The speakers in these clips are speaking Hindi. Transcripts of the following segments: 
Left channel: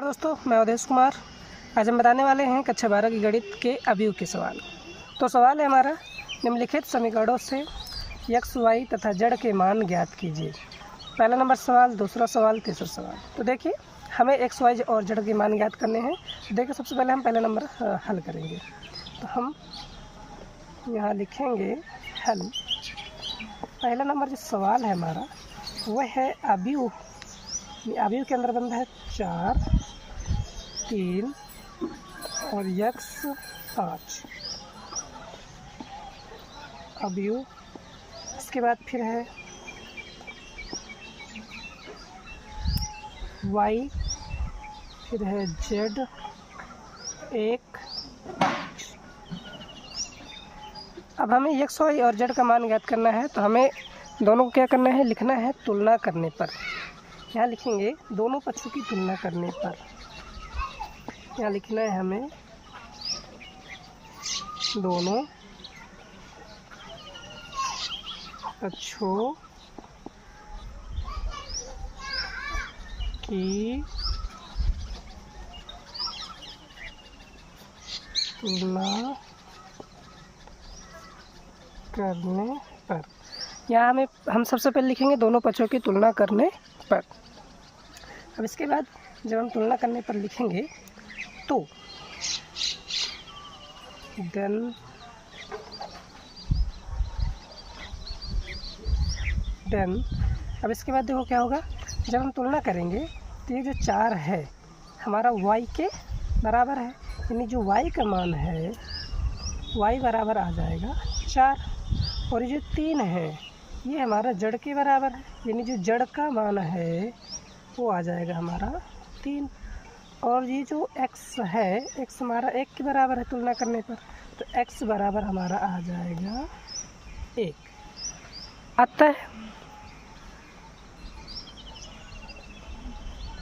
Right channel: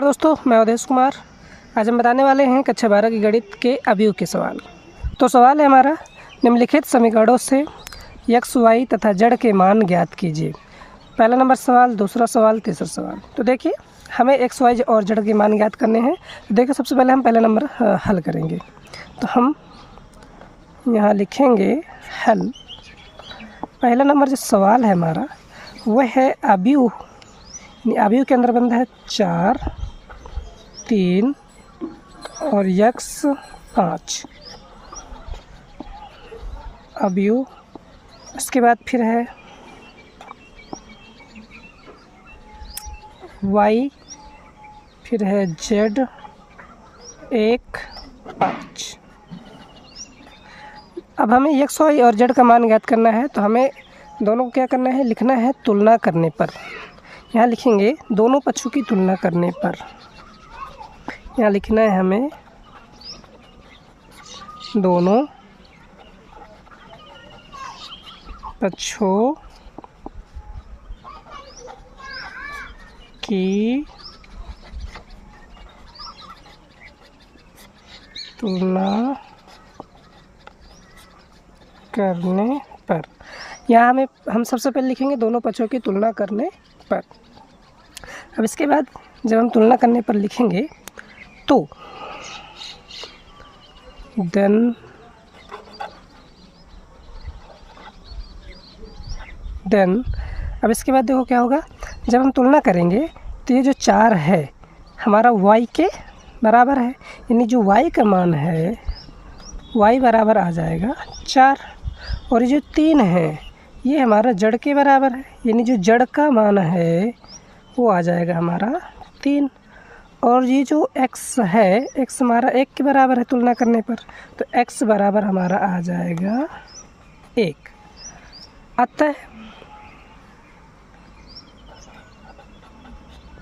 दोस्तों, मैं अवधेश कुमार। आज हम बताने वाले हैं कक्षा 12 की गणित के अवयव के सवाल। तो सवाल है हमारा, निम्नलिखित समीकरणों से x, y तथा z के मान ज्ञात कीजिए। पहला नंबर सवाल, दूसरा सवाल, तीसरा सवाल। तो देखिए, हमें x, y और z के मान ज्ञात करने हैं। तो देखिए, सबसे पहले हम पहला नंबर हल करेंगे। तो हम यहाँ लिखेंगे हल। पहला नंबर जो सवाल है हमारा वह है अवयव के अंदर बंद है 4, 3 और x 5 अवयव। इसके बाद फिर है y, फिर है z 1 5। अब हमें x, y और z का मान ज्ञात करना है। तो हमें दोनों को क्या करना है, लिखना है तुलना करने पर। यहाँ लिखेंगे दोनों पक्षों की तुलना करने पर। यहाँ लिखना है हमें दोनों पक्षों की तुलना करने पर। यहाँ हम सबसे पहले लिखेंगे दोनों पक्षों की तुलना करने पर। अब इसके बाद जब हम तुलना करने पर लिखेंगे तो देन अब इसके बाद देखो क्या होगा, जब हम तुलना करेंगे तो ये जो 4 है हमारा y के बराबर है, यानी जो y का मान है y बराबर आ जाएगा 4। और ये जो 3 है ये हमारा जड़ के बराबर है, यानी जो जड़ का मान है वो आ जाएगा हमारा 3। और ये जो x है, x हमारा 1 के बराबर है तुलना करने पर, तो x बराबर हमारा आ जाएगा 1।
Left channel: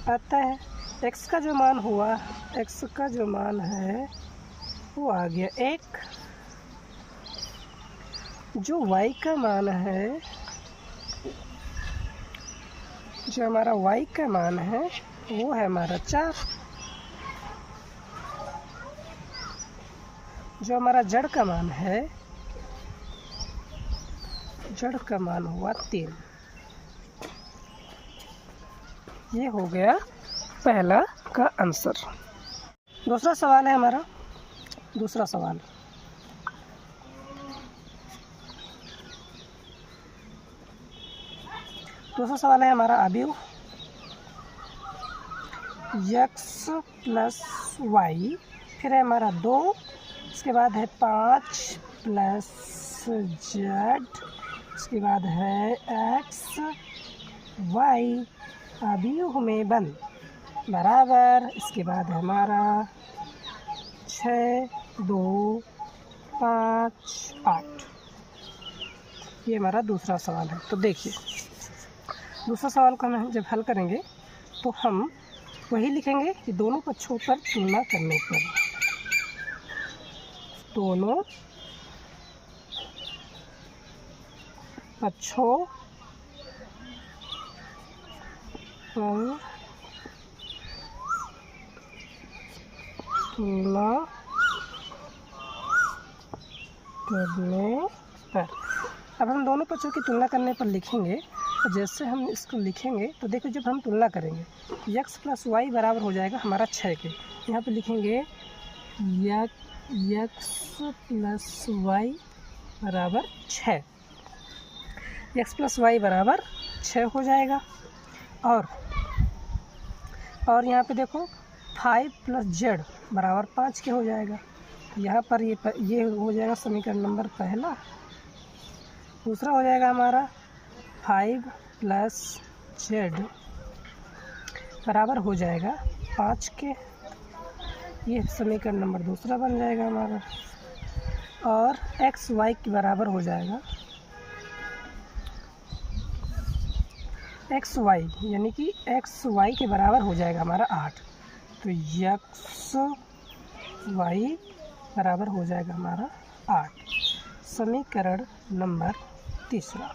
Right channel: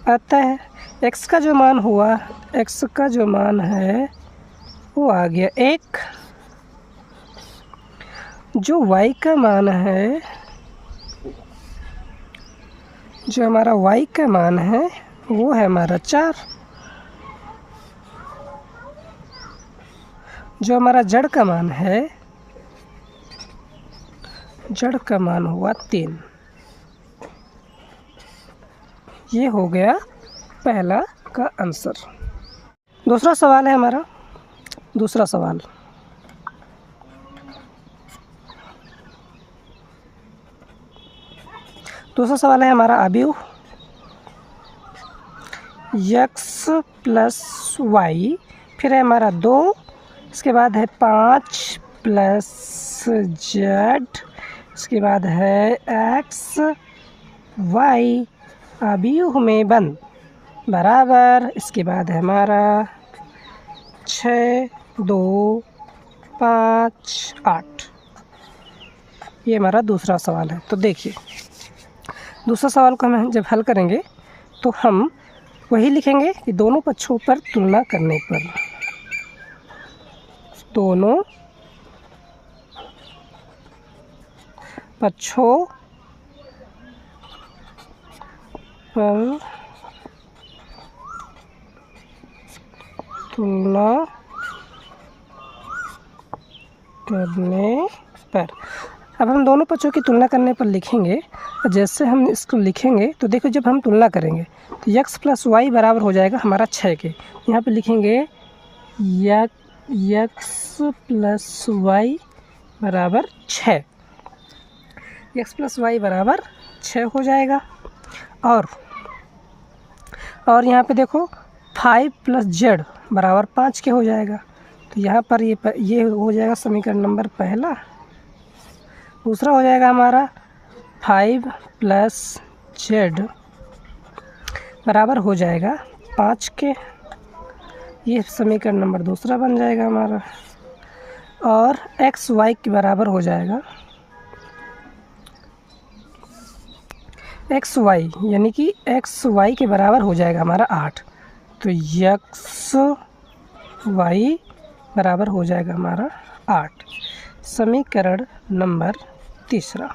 अतः x का जो मान हुआ, x का जो मान है वो आ गया 1। जो y का मान है, जो हमारा y का मान है वो है हमारा 4। जो हमारा जड़ का मान है, जड़ का मान हुआ 3। ये हो गया पहला का आंसर। दूसरा सवाल है हमारा, दूसरा सवाल है हमारा अवयव x प्लस y, फिर है हमारा 2, इसके बाद है 5 प्लस z, इसके बाद है x y अवयव में बंद बराबर। इसके बाद है हमारा 6, 2, 5, 8। ये हमारा दूसरा सवाल है। तो देखिए, दूसरा सवाल को हम जब हल करेंगे तो हम वही लिखेंगे कि दोनों पक्षों पर तुलना करने पर। दोनों पक्षों पर तुलना करने पर। अब हम दोनों पक्षों की तुलना करने पर लिखेंगे। जैसे हम इसको लिखेंगे तो देखो, जब हम तुलना करेंगे तो x प्लस वाई बराबर हो जाएगा हमारा 6 के। यहाँ पे लिखेंगे x प्लस वाई बराबर 6। x प्लस वाई बराबर 6 हो जाएगा। और यहाँ पे देखो 5 प्लस z बराबर 5 के हो जाएगा। तो यहाँ पर ये हो जाएगा समीकरण नंबर पहला। दूसरा हो जाएगा हमारा 5 प्लस z बराबर हो जाएगा 5 के। ये समीकरण नंबर दूसरा बन जाएगा हमारा। और x y के बराबर हो जाएगा एक्स वाई, यानी कि एक्स वाई के बराबर हो जाएगा हमारा 8। तो एक्स वाई बराबर हो जाएगा हमारा 8। समीकरण नंबर तीसरा।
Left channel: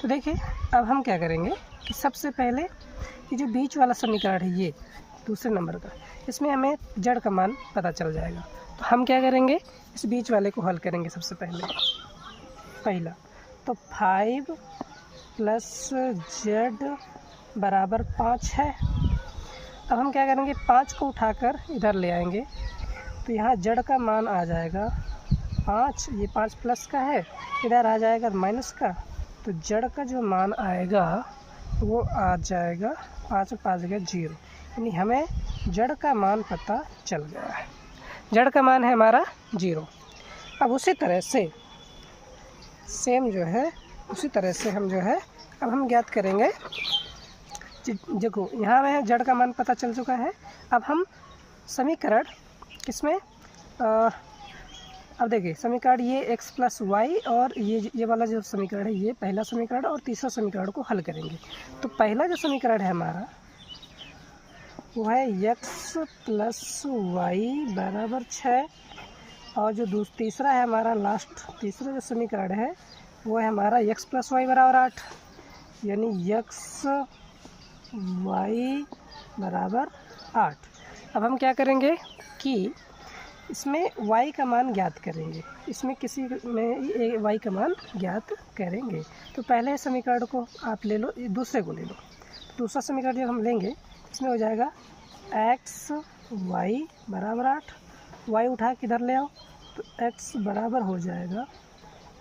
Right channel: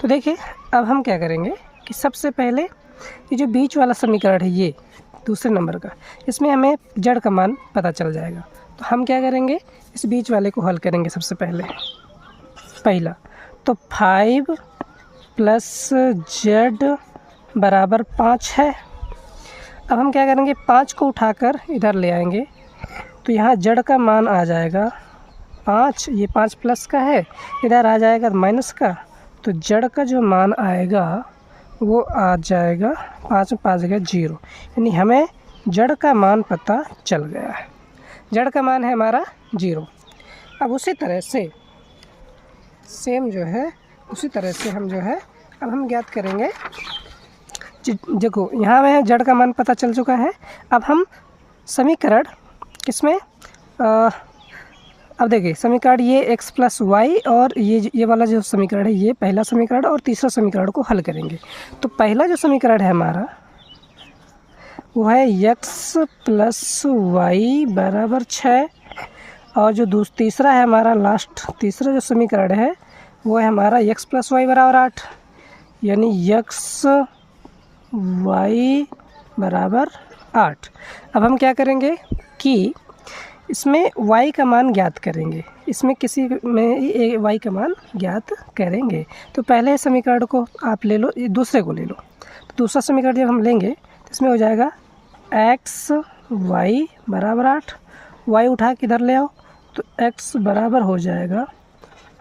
तो देखिए, अब हम क्या करेंगे कि सबसे पहले ये जो बीच वाला समीकरण है ये दूसरे नंबर का, इसमें हमें जड़ का मान पता चल जाएगा। तो हम क्या करेंगे, इस बीच वाले को हल करेंगे सबसे पहला। तो 5 + z बराबर 5 है। अब हम क्या करेंगे, 5 को उठाकर इधर ले आएंगे, तो यहाँ जड़ का मान आ जाएगा 5, ये 5 प्लस का है, इधर आ जाएगा माइनस का, तो जड़ का जो मान आएगा वो आ जाएगा 5 में 5 गया 0, यानी हमें जड़ का मान पता चल गया है। जड़ का मान है हमारा 0। अब उसी तरह से सेम जो है, उसी तरह से हम जो है अब हम ज्ञात करेंगे। देखो यहाँ में जड़ का मान पता चल चुका है। अब हम समीकरण किसमें अब देखिए समीकरण ये x + y और ये वाला जो समीकरण है ये पहला समीकरण और तीसरा समीकरण को हल करेंगे। तो पहला जो समीकरण है हमारा वो है x + y बराबर 6, और जो तीसरा है हमारा तीसरा जो समीकरण है वो है हमारा x + y बराबर 8, यानी x y बराबर 8। अब हम क्या करेंगे कि इसमें y का मान ज्ञात करेंगे, इसमें किसी में y का मान ज्ञात करेंगे। तो पहले समीकरण को आप ले लो, दूसरे को ले लो। तो दूसरा समीकरण जब हम लेंगे तो इसमें हो जाएगा x y बराबर 8, y उठा के इधर ले आओ तो x बराबर हो जाएगा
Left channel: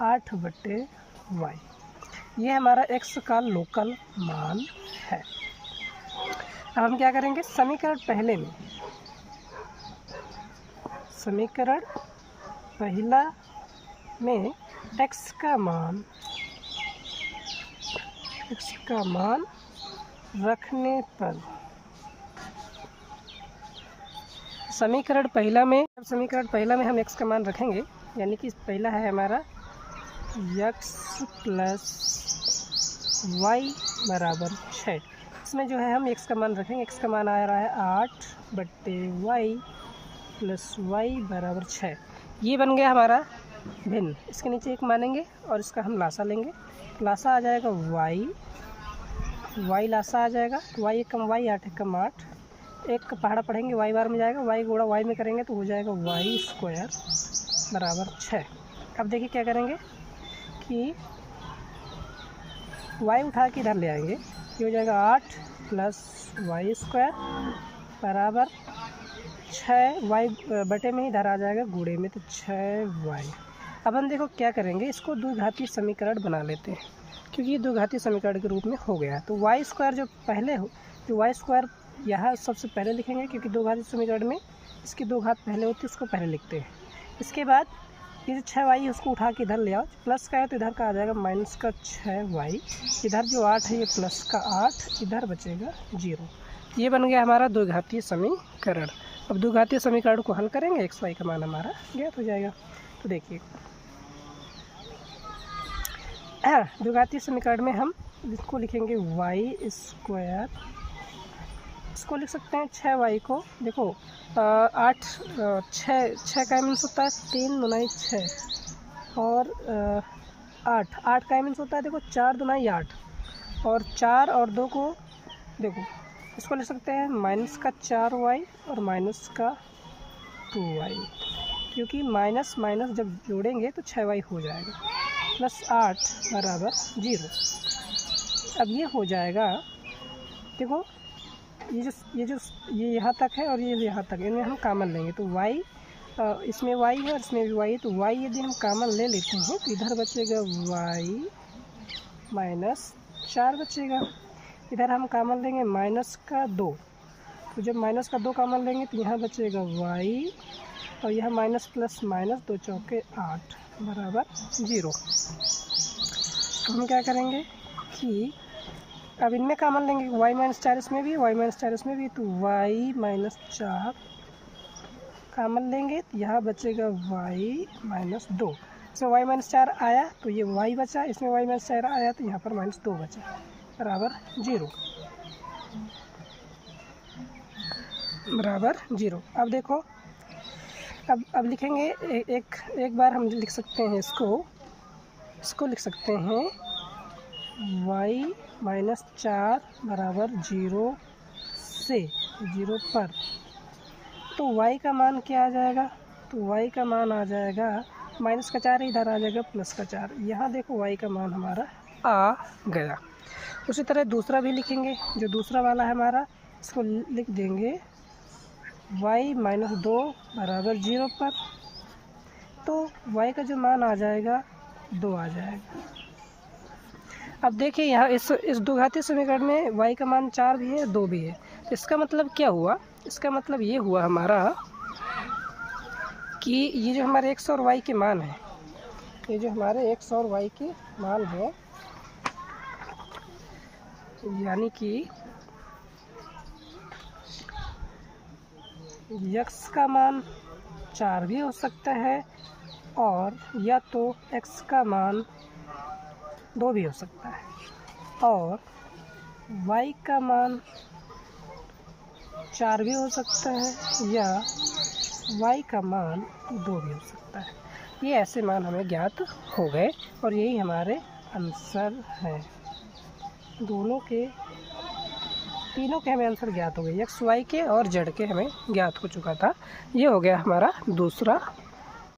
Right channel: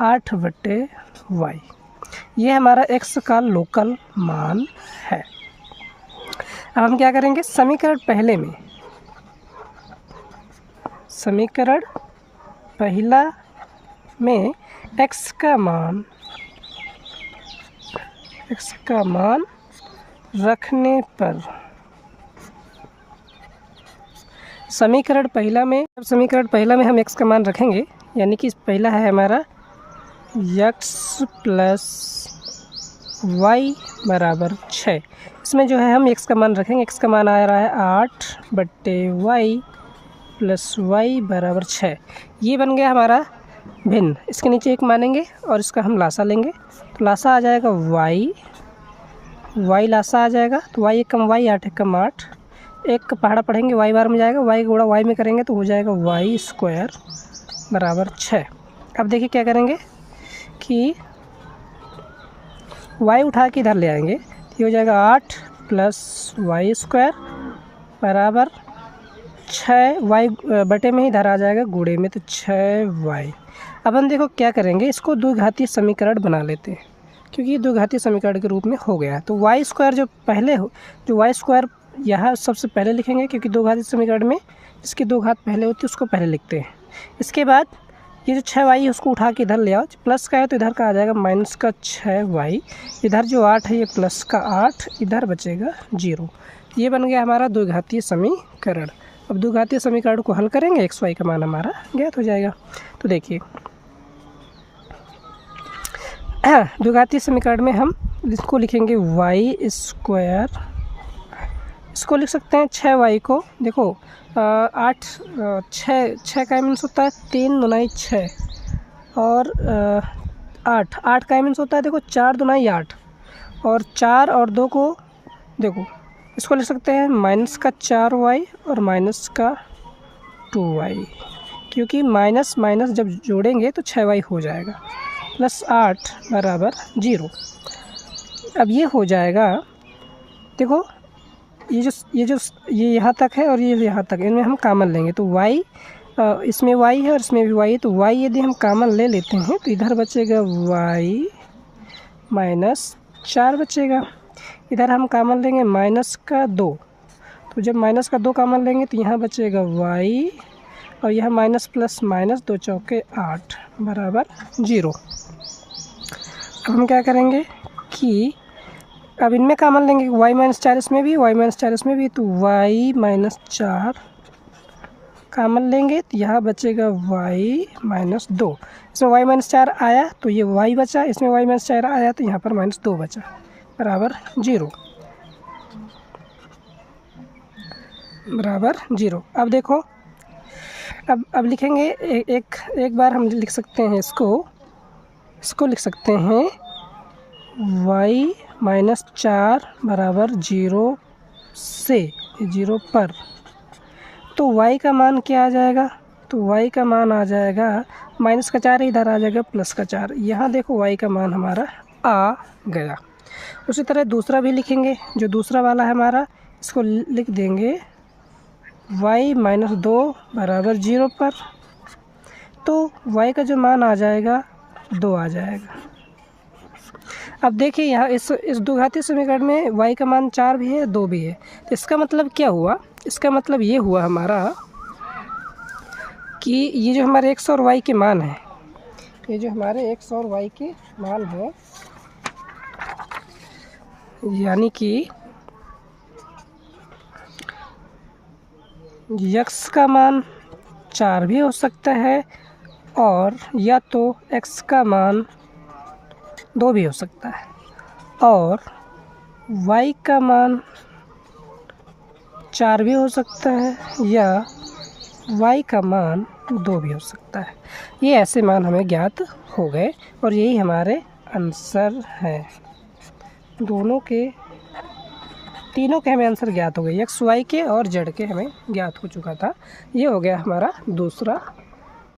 8/y। ये हमारा x का लोकल मान है। अब हम क्या करेंगे, समीकरण पहला में x का मान रखने पर समीकरण पहला में हम x का मान रखेंगे, यानी कि पहला है हमारा x + y बराबर 6। इसमें जो है हम x का मान रखेंगे, x का मान आ रहा है 8/y + y बराबर 6। ये बन गया हमारा भिन्न। इसके नीचे एक मानेंगे और इसका हम लासा लेंगे, तो लासा आ जाएगा y लासा आ जाएगा, तो y = y 8 = 8, एक का पहाड़ा पढ़ेंगे y बार में जाएगा, y गुणा y में करेंगे तो हो जाएगा y² बराबर 6। अब देखिए क्या करेंगे कि y उठा के इधर ले आएंगे, ये हो जाएगा 8 + y² बराबर 6, y बटे में ही इधर आ जाएगा गुणे में, तो 6y। अब हम देखो क्या करेंगे, इसको द्विघातीय समीकरण बना लेते हैं, क्योंकि ये द्विघातीय समीकरण के रूप में हो गया है। तो y² जो y² यहाँ सबसे पहले लिखेंगे, क्योंकि द्विघातीय समीकरण में इसकी 2 घात पहले होती है उसको पहले लिखते हैं। इसके बाद ये जो 6y है उसको उठा के इधर ले आओ, प्लस का है तो इधर का आ जाएगा -6y, इधर जो 8 है ये प्लस का 8, इधर बचेगा 0। ये बन गया हमारा द्विघातीय समीकरण। अब द्विघातीय समीकरण को हल करेंगे, x y का मान हमारा ज्ञात हो जाएगा। तो देखिए द्विघातीय समीकरण में हम इसको लिखेंगे y², इसको लिख सकते हैं 6y को, देखो 6 का मीन्स होता है 3 दूनाई 6, और 8 का मीन्स होता है देखो 4 दूनाई 8, और 4 और 2 को देखो इसको लिख सकते हैं -4y और -2y, क्योंकि माइनस जब जोड़ेंगे तो 6y हो जाएगा, +8 बराबर 0। अब ये हो जाएगा, देखो ये यहाँ तक है और ये यहाँ तक, इनमें हम कामन लेंगे तो y, इसमें y है और इसमें भी y है, तो y यदि हम कामन ले लेते हैं तो इधर बचेगा y -4 बचेगा, इधर हम कामन लेंगे -2, तो जब -2 कामन लेंगे तो यहाँ बचेगा y, और यह माइनस प्लस माइनस 2 चौके 8 बराबर 0। अब हम क्या करेंगे कि अब इनमें कामन लेंगे, y-4 इसमें भी, y-4 इसमें भी, तो y-4 कामन लेंगे तो यहाँ बचेगा y-2। इसमें y-4 आया तो ये y बचा, इसमें y-4 आया तो यहाँ पर -2 बचा बराबर 0 बराबर 0। अब देखो अब लिखेंगे एक बार हम लिख सकते हैं इसको लिख सकते हैं y-4 बराबर 0 से 0 पर, तो y का मान क्या आ जाएगा? तो y का मान आ जाएगा माइनस का 4 इधर आ जाएगा प्लस का 4। यहाँ देखो y का मान हमारा आ गया। उसी तरह दूसरा भी लिखेंगे, जो दूसरा वाला है हमारा, इसको लिख देंगे y माइनस 2 बराबर 0 पर, तो y का जो मान आ जाएगा 2 आ जाएगा। अब देखिए यहाँ इस द्विघातीय समीकरण में y का मान 4 भी है, 2 भी है, तो इसका मतलब क्या हुआ? इसका मतलब ये हुआ हमारा कि ये जो हमारे x और y के मान हैं, ये जो हमारे x और y के मान हैं, यानी कि x का मान 4 भी हो सकता है और या तो x का मान 2 भी हो सकता है, और y का मान 4 भी हो सकता है या y का मान 2 भी हो सकता है। ये ऐसे मान हमें ज्ञात हो गए और यही हमारे आंसर है। तीनों के हमें आंसर ज्ञात हो गए, x y के और z के हमें ज्ञात हो चुका था। ये हो गया हमारा दूसरा